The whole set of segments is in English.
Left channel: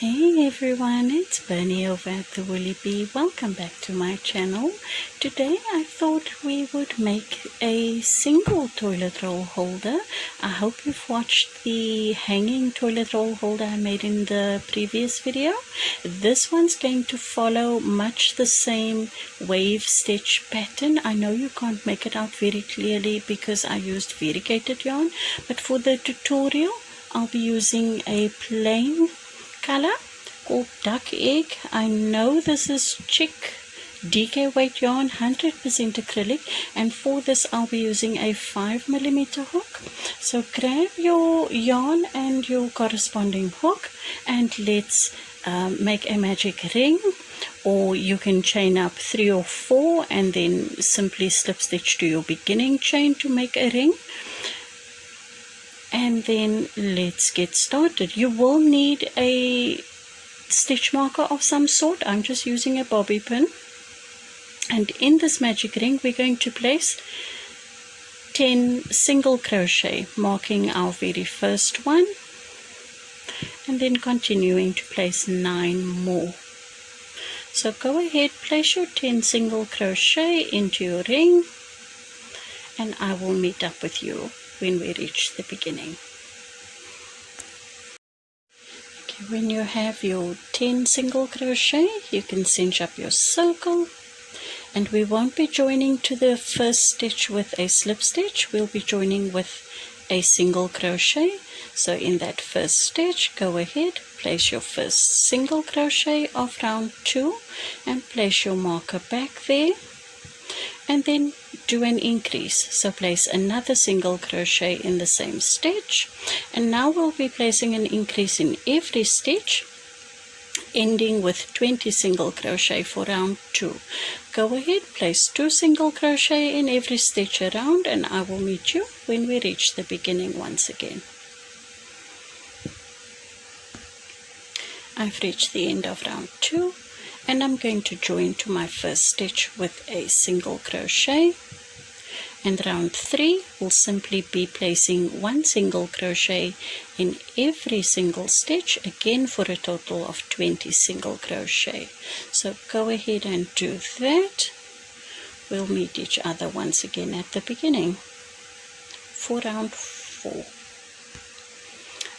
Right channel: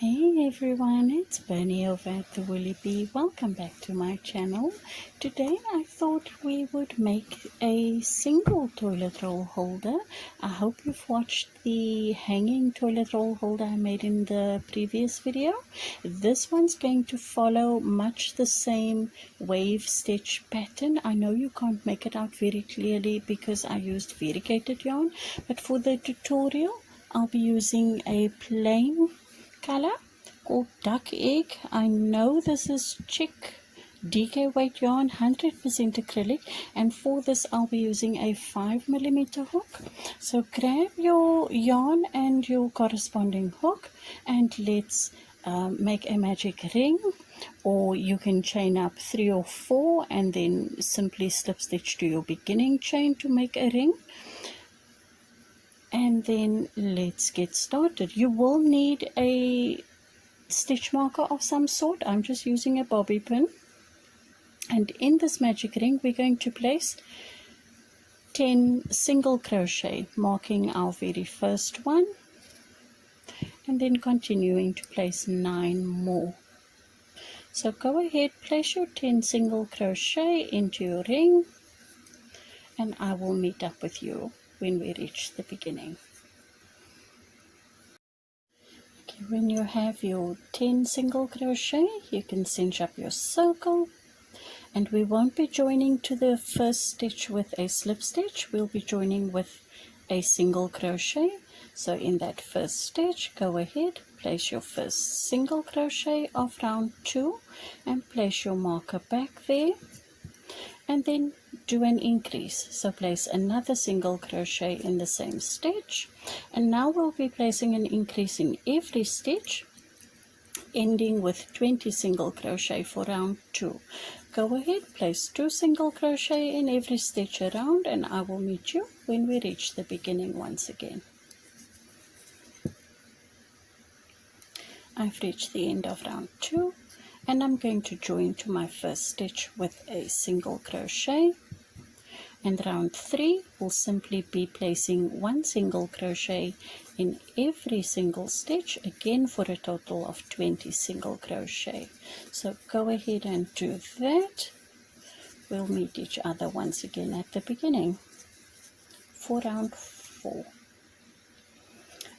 Hey everyone, it's Bernie over at the Woolly Bee. Welcome back to my channel. Today I thought we would make a single toilet roll holder. I hope you've watched the hanging toilet roll holder I made in the previous video. This one's going to follow much the same wave stitch pattern. I know you can't make it out very clearly because I used variegated yarn, but for the tutorial I'll be using a plain color called duck egg. I know this is chick DK weight yarn, 100% acrylic, and for this I'll be using a 5mm hook. So grab your yarn and your corresponding hook and let's make a magic ring, or you can chain up 3 or 4 and then simply slip stitch to your beginning chain to make a ring. And then let's get started. You will need a stitch marker of some sort. I'm just using a bobby pin, and in this magic ring we're going to place 10 single crochet, marking our very first one, and then continuing to place 9 more. So go ahead, place your 10 single crochet into your ring, and I will meet up with you when we reach the beginning. Okay, when you have your 10 single crochet, you can cinch up your circle, and we won't be joining to the first stitch with a slip stitch. We'll be joining with a single crochet. So in that first stitch, go ahead, place your first single crochet of round 2 and place your marker back there, and then do an increase. So place another single crochet in the same stitch, and now we'll be placing an increase in every stitch, ending with 20 single crochet for round 2. Go ahead, place 2 single crochet in every stitch around, and I will meet you when we reach the beginning once again. I've reached the end of round 2, and I'm going to join to my first stitch with a single crochet, and round 3 will simply be placing 1 single crochet in every single stitch, again for a total of 20 single crochet. So go ahead and do that. We'll meet each other once again at the beginning for round 4.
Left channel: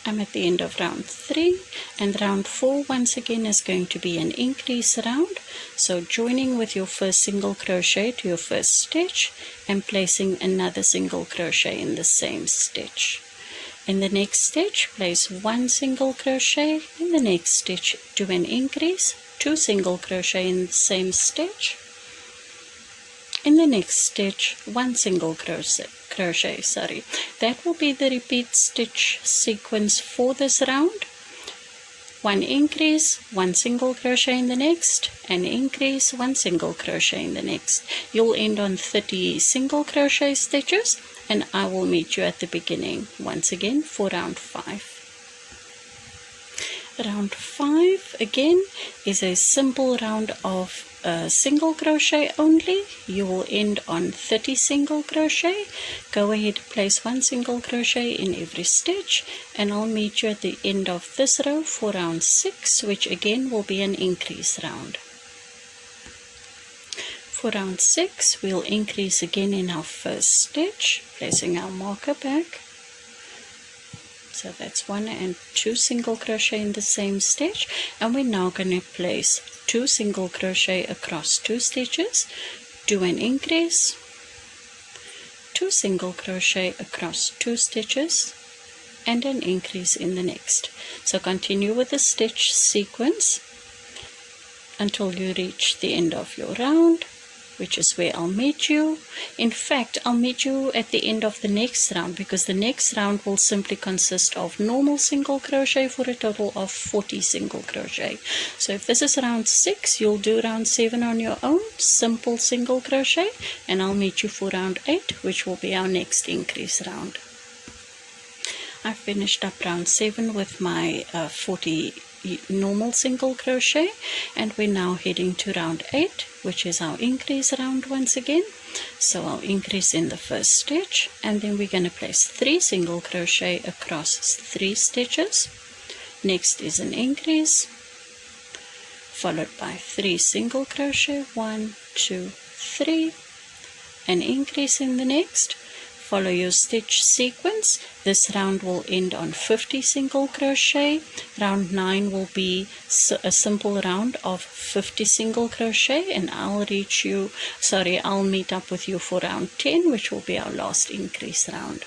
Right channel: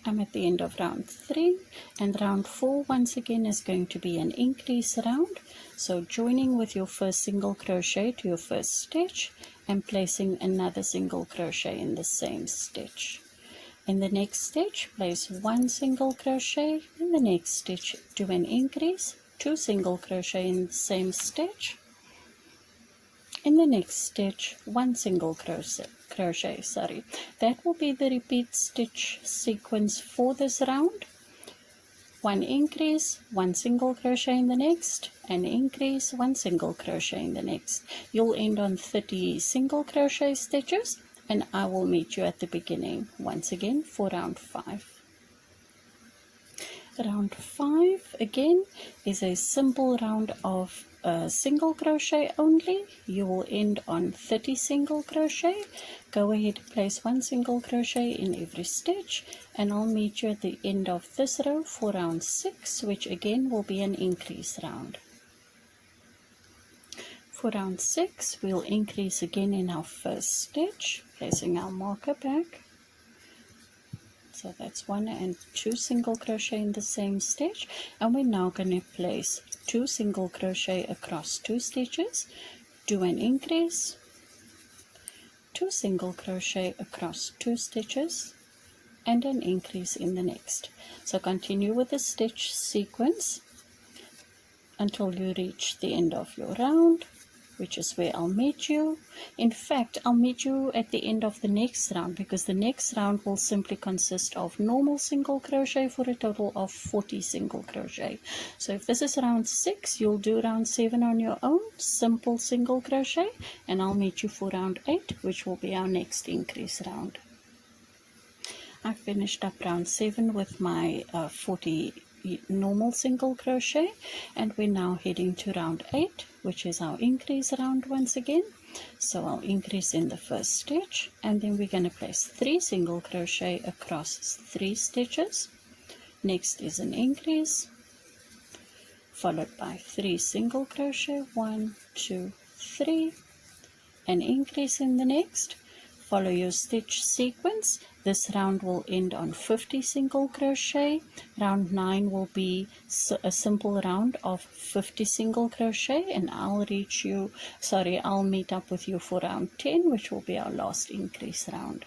I'm at the end of round 3, and round 4 once again is going to be an increase round. So joining with your first single crochet to your first stitch and placing another single crochet in the same stitch. In the next stitch, place 1 single crochet. In the next stitch, do an increase, 2 single crochet in the same stitch. In the next stitch, 1 single crochet. That will be the repeat stitch sequence for this round. 1 increase, 1 single crochet in the next, an increase, 1 single crochet in the next. You'll end on 30 single crochet stitches, and I will meet you at the beginning once again for round 5. Round 5 again is a simple round of single crochet only. You will end on 30 single crochet. Go ahead, place 1 single crochet in every stitch, and I'll meet you at the end of this row for round 6, which again will be an increase round. For round 6, we'll increase again in our first stitch, placing our marker back. So that's 1 and 2 single crochet in the same stitch, and we're now going to place 2 single crochet across 2 stitches, do an increase, 2 single crochet across 2 stitches, and an increase in the next. So continue with the stitch sequence until you reach the end of your round, which is where I'll meet you. In fact, I'll meet you at the end of the next round, because the next round will simply consist of normal single crochet for a total of 40 single crochet. So if this is round 6, you'll do round 7 on your own, simple single crochet, and I'll meet you for round 8, which will be our next increase round. I finished up round 7 with my 40 normal single crochet, and we're now heading to round 8, which is our increase round once again. So I'll increase in the first stitch, and then we're going to place 3 single crochet across 3 stitches, Next is an increase, followed by 3 single crochet, 1, 2, 3, an increase in the next. Follow your stitch sequence. This round will end on 50 single crochet. Round 9 will be a simple round of 50 single crochet, and I'll meet up with you for round 10, which will be our last increase round.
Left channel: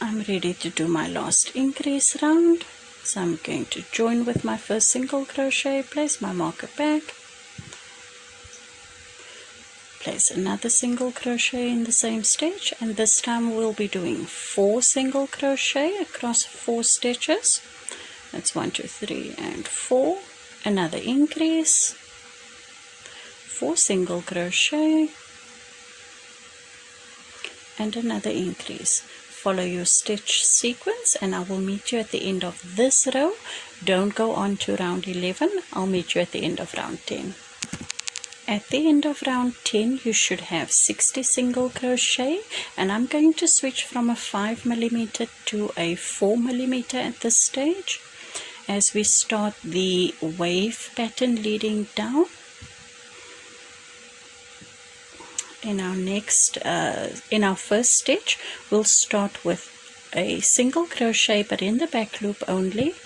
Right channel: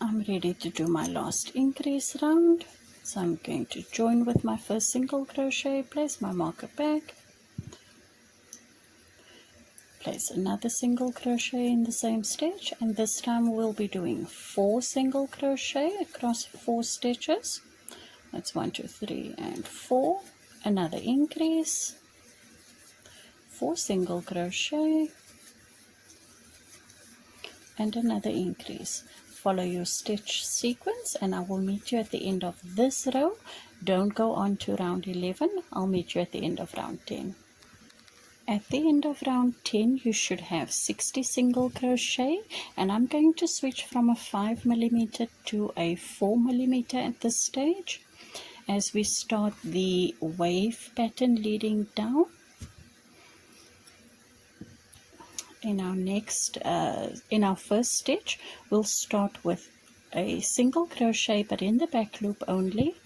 I'm ready to do my last increase round, so I'm going to join with my first single crochet, place my marker back, place another single crochet in the same stitch, and this time we'll be doing 4 single crochet across 4 stitches. That's 1, 2, 3 and 4. Another increase, 4 single crochet, and another increase. Follow your stitch sequence, and I will meet you at the end of this row. Don't go on to round 11. I'll meet you at the end of round 10. At the end of round 10, you should have 60 single crochet, and I'm going to switch from a 5mm to a 4mm at this stage as we start the wave pattern leading down. In our first stitch, we'll start with a single crochet, but in the back loop only,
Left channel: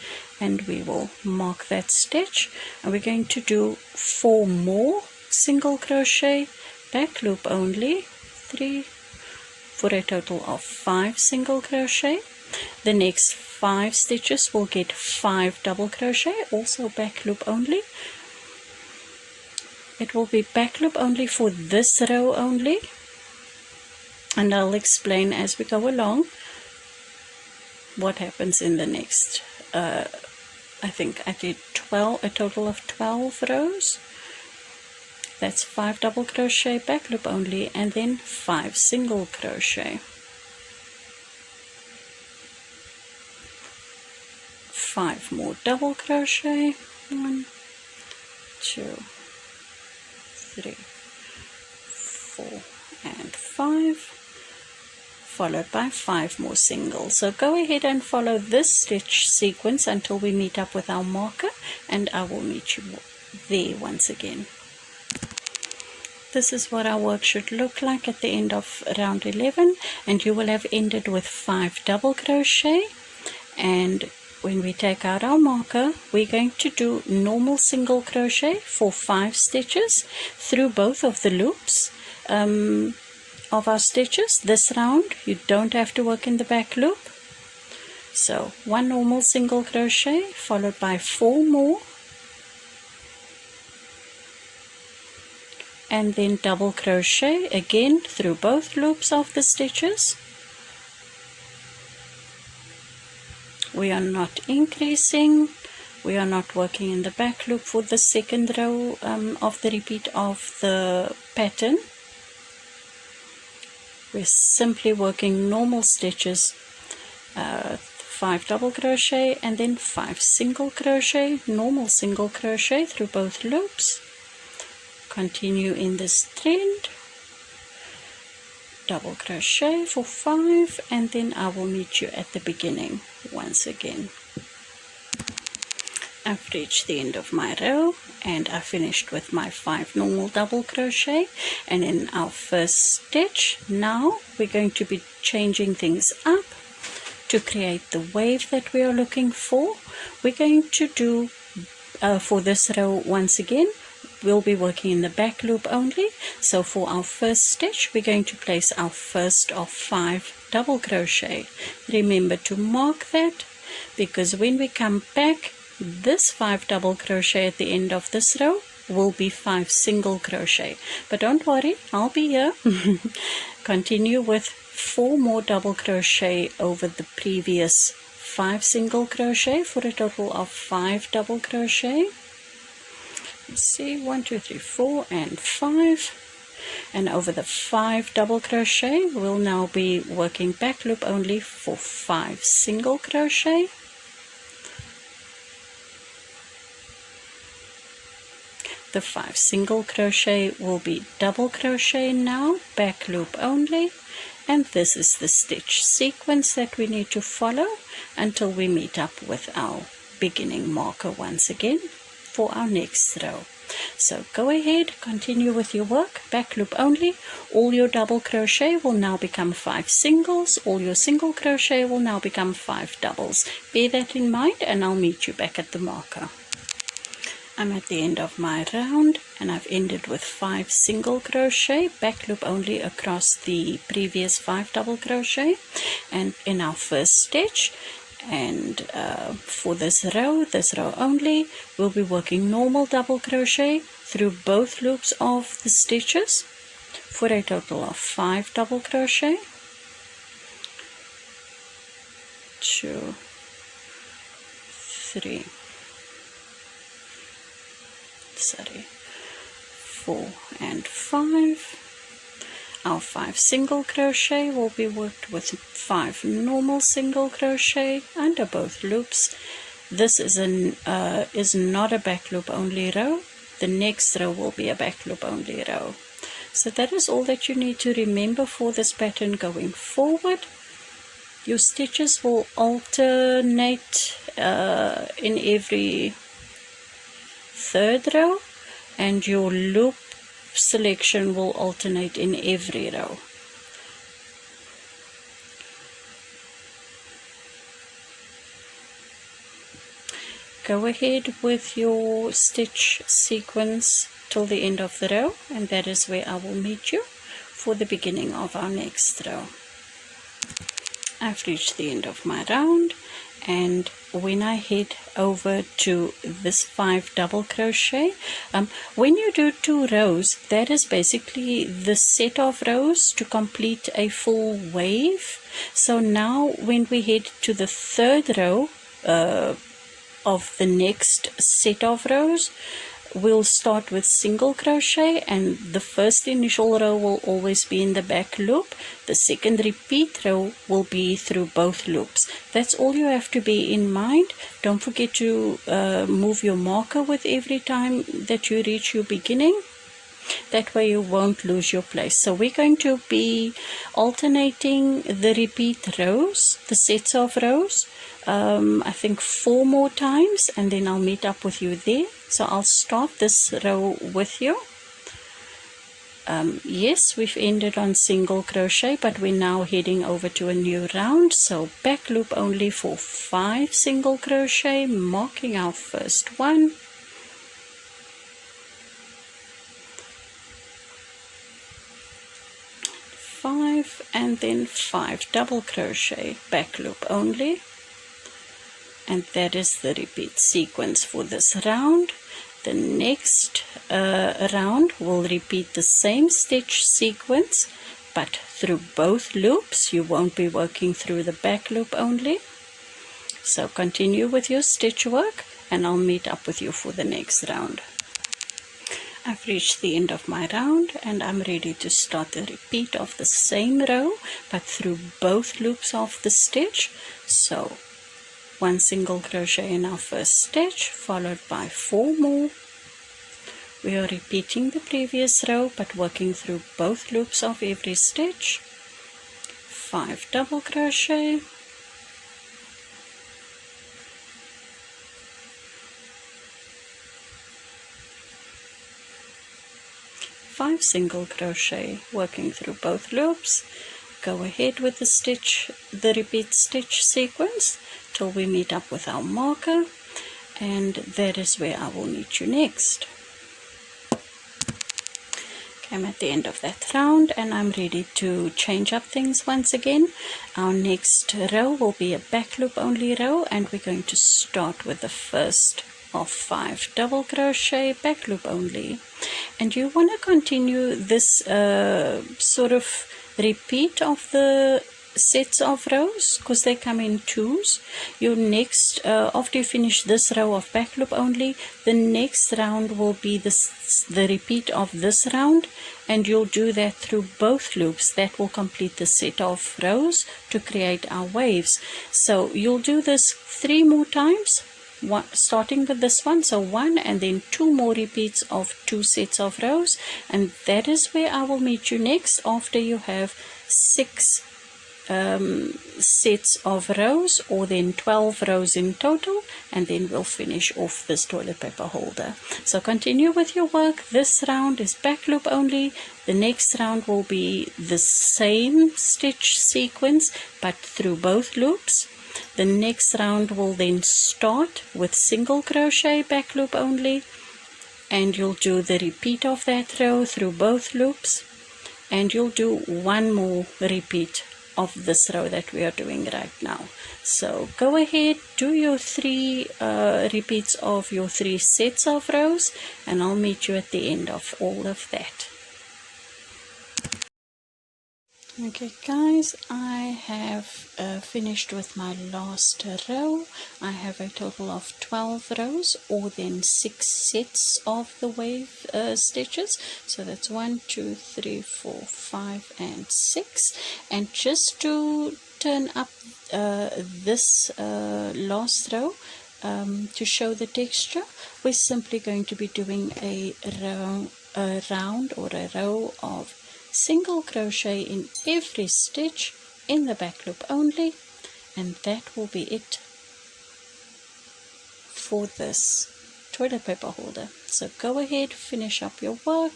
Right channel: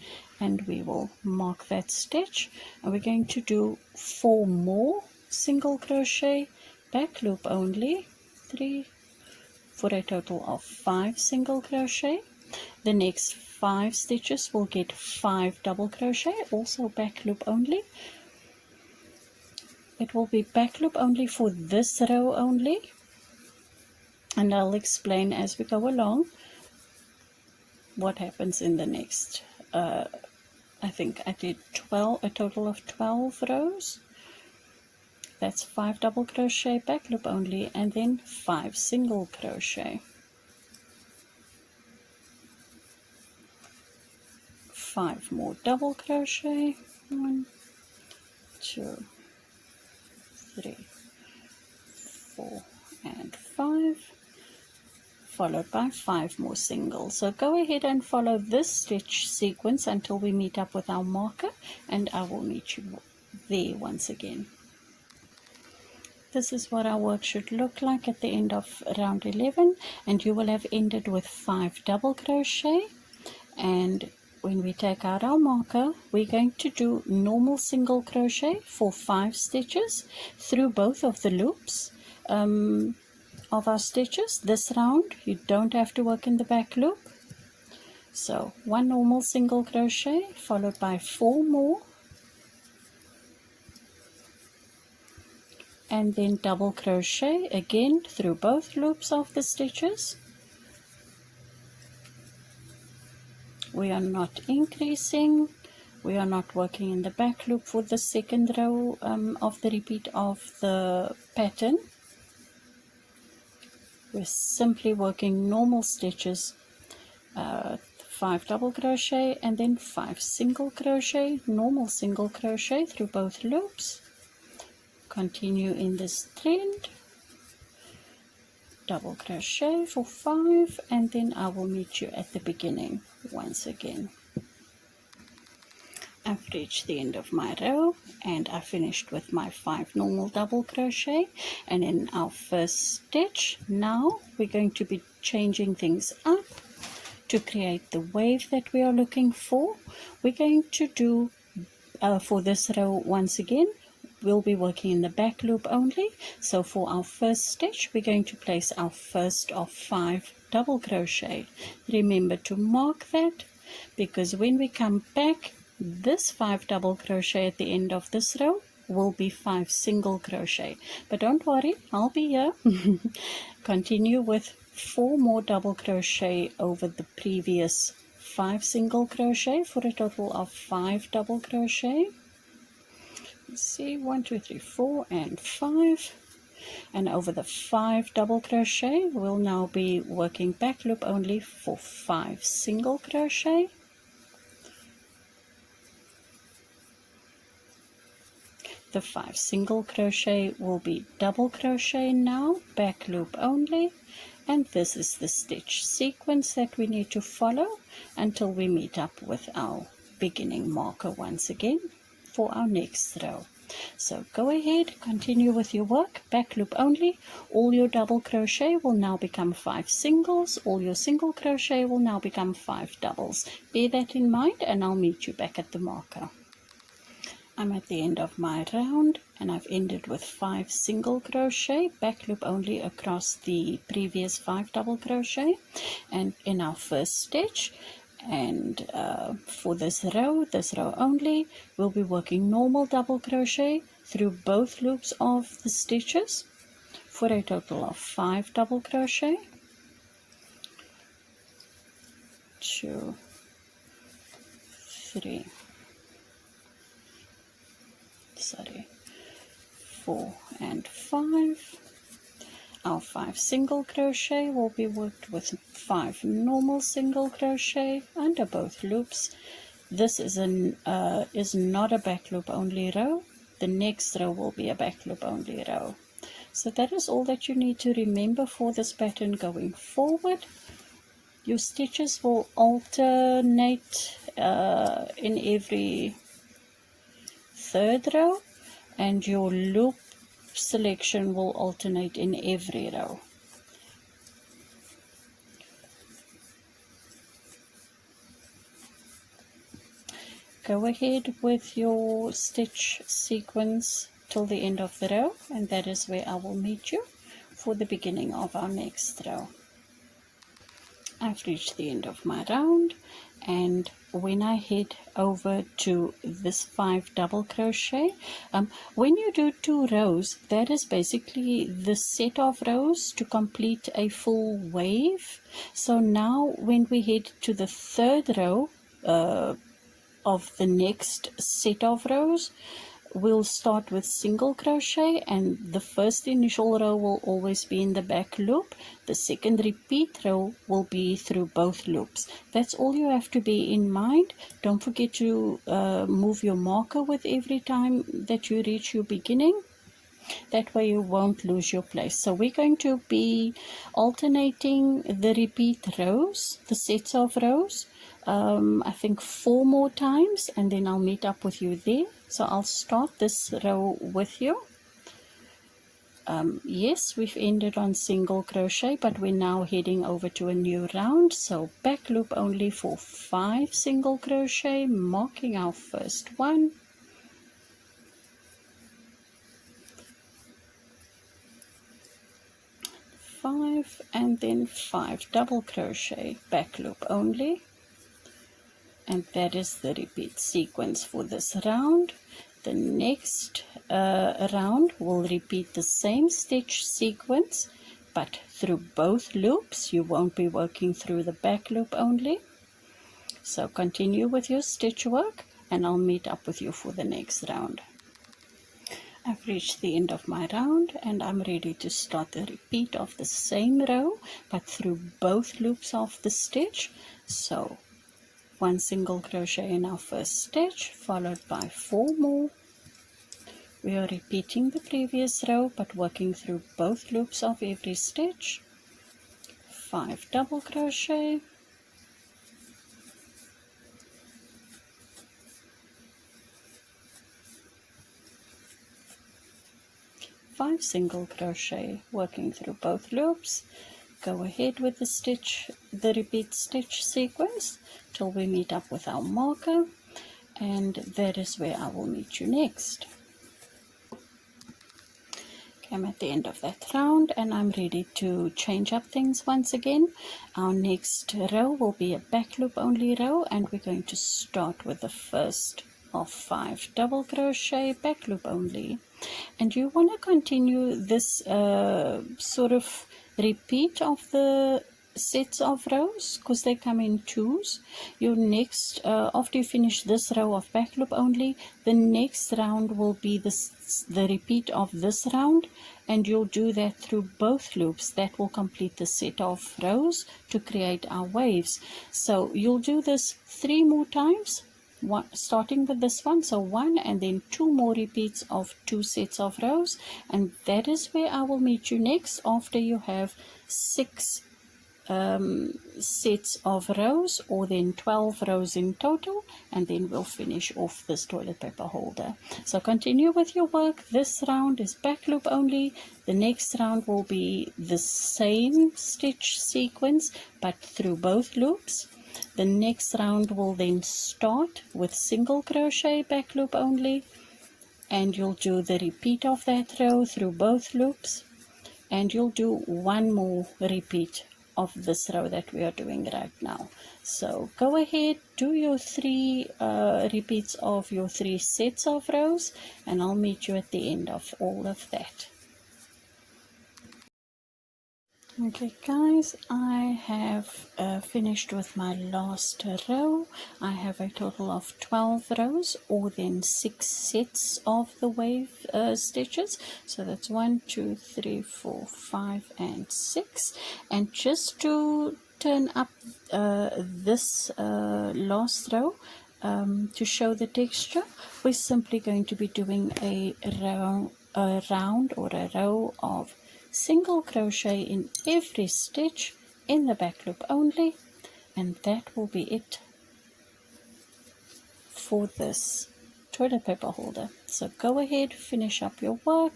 and we will mark that stitch, and we're going to do 4 more single crochet, back loop only, 3, for a total of 5 single crochet. The next 5 stitches will get 5 double crochet, also back loop only. It will be back loop only for this row only, and I'll explain as we go along what happens in the next. I think I did a total of 12 rows. That's 5 double crochet, back loop only, and then 5 single crochet. 5 more double crochet, 1, 2, 3, 4 and 5, followed by 5 more singles. So go ahead and follow this stitch sequence until we meet up with our marker, and I will meet you there once again. This is what our work should look like at the end of round 11, and you will have ended with 5 double crochet. And when we take out our marker, we're going to do normal single crochet for 5 stitches through both of the loops of our stitches. This round you don't have to work in the back loop, so 1 normal single crochet followed by 4 more, and then double crochet again through both loops of the stitches. We are not increasing, we are not working in the back loop for the second row of the repeat of the pattern. We're simply working normal stitches, 5 double crochet and then 5 single crochet, normal single crochet through both loops. Continue in this trend, double crochet for 5, and then I will meet you at the beginning once again. I've reached the end of my row, and I finished with my 5 normal double crochet. And in our first stitch, now we're going to be changing things up to create the wave that we are looking for. We're going to do for this row once again, we'll be working in the back loop only. So for our first stitch, we're going to place our first of 5 double crochet. Remember to mark that, because when we come back, this 5 double crochet at the end of this row will be 5 single crochet. But don't worry, I'll be here. Continue with 4 more double crochet over the previous 5 single crochet for a total of 5 double crochet. Let's see, 1, 2, 3, 4 and 5, and over the 5 double crochet we'll now be working back loop only for 5 single crochet. The 5 single crochet will be double crochet now, back loop only, And this is the stitch sequence that we need to follow until we meet up with our beginning marker once again for our next row. So go ahead, continue with your work, back loop only. All your double crochet will now become 5 singles. All your single crochet will now become 5 doubles. Bear that in mind, and I'll meet you back at the marker. I'm at the end of my round, and I've ended with 5 single crochet, back loop only across the previous 5 double crochet, and in our first stitch. And for this row only, we'll be working normal double crochet through both loops of the stitches for a total of 5 double crochet. 2, 3, 4 and 5. Our 5 single crochet will be worked with 5 normal single crochet under both loops. This is not a back loop only row. The next row will be a back loop only row. So that is all that you need to remember for this pattern going forward. Your stitches will alternate in every third row, and your loop selection will alternate in every row. Go ahead with your stitch sequence till the end of the row, and that is where I will meet you for the beginning of our next row. I've reached the end of my round, and when I head over to this 5 double crochet, when you do 2 rows, that is basically the set of rows to complete a full wave. So now when we head to the third row of the next set of rows, we'll start with single crochet, and the first initial row will always be in the back loop. The second repeat row will be through both loops. That's all you have to be in mind. Don't forget to move your marker with every time that you reach your beginning. That way you won't lose your place. So we're going to be alternating the repeat rows, the sets of rows, I think 4 more times, and then I'll meet up with you there. So I'll start this row with you. Yes, we've ended on single crochet, but we're now heading over to a new round. So back loop only for 5 single crochet, marking our first one. 5 and then 5 double crochet, back loop only. And that is the repeat sequence for this round. The next round will repeat the same stitch sequence, but through both loops. You won't be working through the back loop only. So continue with your stitch work, and I'll meet up with you for the next round. I've reached the end of my round, and I'm ready to start the repeat of the same row, but through both loops of the stitch. So 1 single crochet in our first stitch, followed by 4 more. We are repeating the previous row, but working through both loops of every stitch. 5 double crochet. 5 single crochet, working through both loops. Go ahead with the repeat stitch sequence till we meet up with our marker, and that is where I will meet you next. I'm at the end of that round, and I'm ready to change up things once again. Our next row will be a back loop only row, and we're going to start with the first of 5 double crochet, back loop only. And you want to continue this sort of repeat of the sets of rows, because they come in twos. Your next after you finish this row of back loop only, the next round will be the repeat of this round, and you'll do that through both loops. That will complete the set of rows to create our waves. So you'll do this 3 more times, starting with this one, so 1 and then 2 more repeats of 2 sets of rows, and that is where I will meet you next after you have 6 sets of rows, or then 12 rows in total, and then we'll finish off this toilet paper holder. So continue with your work. This round is back loop only. The next round will be the same stitch sequence but through both loops. The next round will then start with single crochet back loop only, and you'll do the repeat of that row through both loops, and you'll do one more repeat of this row that we are doing right now. So go ahead, do your 3 repeats of your 3 sets of rows, and I'll meet you at the end of all of that. Okay guys, I have finished with my last row. I have a total of 12 rows, or then 6 sets of the wave stitches. So that's 1, 2, 3, 4, 5 and 6. And just to turn up this last row to show the texture, we're simply going to be doing a round or a row of single crochet in every stitch in the back loop only, and that will be it for this toilet paper holder. So go ahead, finish up your work.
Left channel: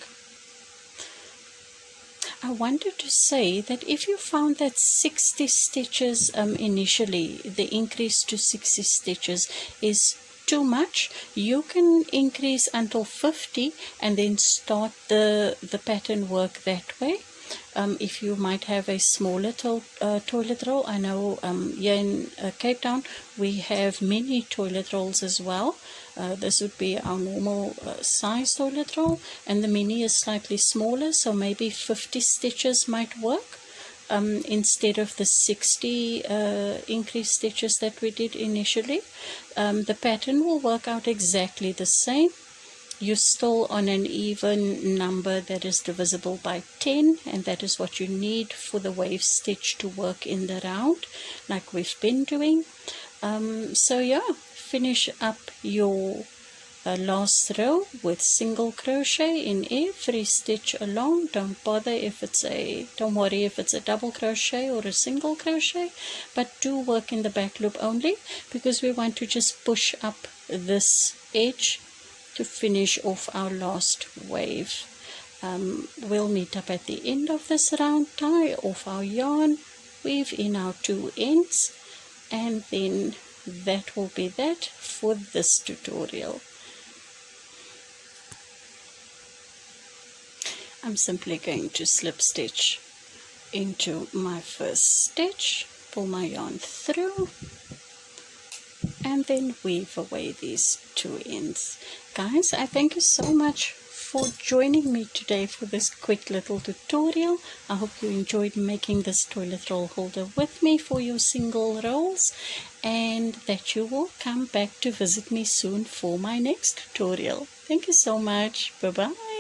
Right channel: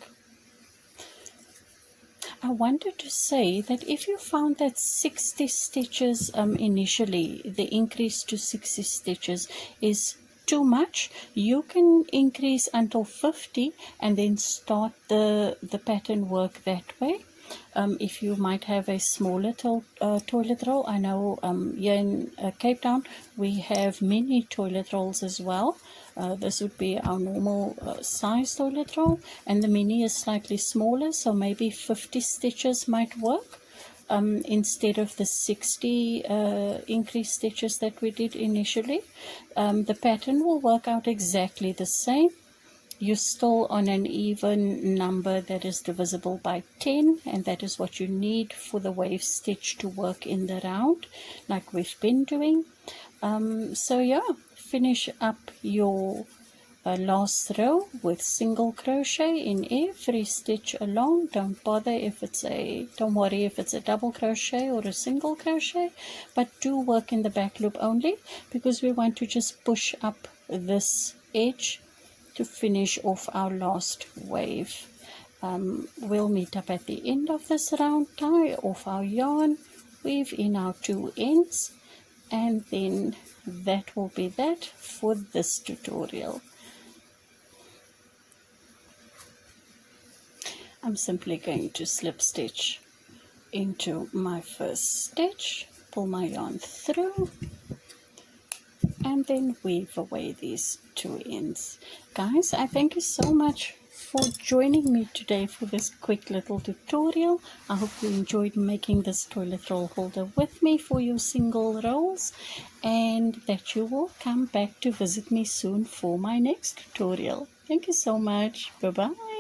I wanted to say that if you found that 60 stitches initially, the increase to 60 stitches is too much, you can increase until 50 and then start the pattern work that way. If you might have a smaller toilet roll, I know here in Cape Town we have mini toilet rolls as well. This would be our normal size toilet roll, and the mini is slightly smaller, so maybe 50 stitches might work. Instead of the 60 increased stitches that we did initially. The pattern will work out exactly the same. You're still on an even number that is divisible by 10, and that is what you need for the wave stitch to work in the round like we've been doing. So yeah, finish up your last row with single crochet in every stitch along. Don't worry if it's a double crochet or a single crochet, but do work in the back loop only, because we want to just push up this edge to finish off our last wave. We'll meet up at the end of this round, tie off our yarn, weave in our 2 ends, and then that will be that for this tutorial. I'm simply going to slip stitch into my first stitch, pull my yarn through, and then weave away these 2 ends. Guys, I thank you so much for joining me today for this quick little tutorial. I hope you enjoyed making this toilet roll holder with me for your single rolls, and that you will come back to visit me soon for my next tutorial. Thank you so much. Bye bye.